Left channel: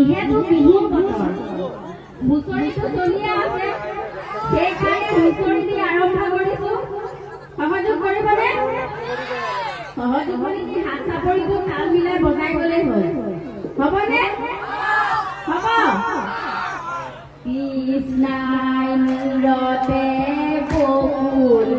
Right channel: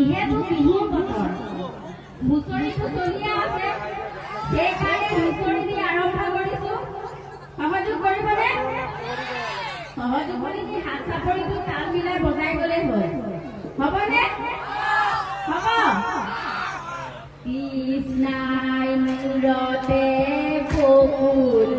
যিহেতু বিহুৰ বতৰ হুঁচৰিটো চলিয়ে আছে সেইকাৰণে হুঁচৰি দি আৰম্ভ কৰিছো সহযোগ কৰিবনে সহযোগ কৰি হাত চাপৰিটো তাল মিলাই বজাই গ'লেই হ'ল হ'বনে হ'ব কৃষ্ণাই মূৰতে বকুল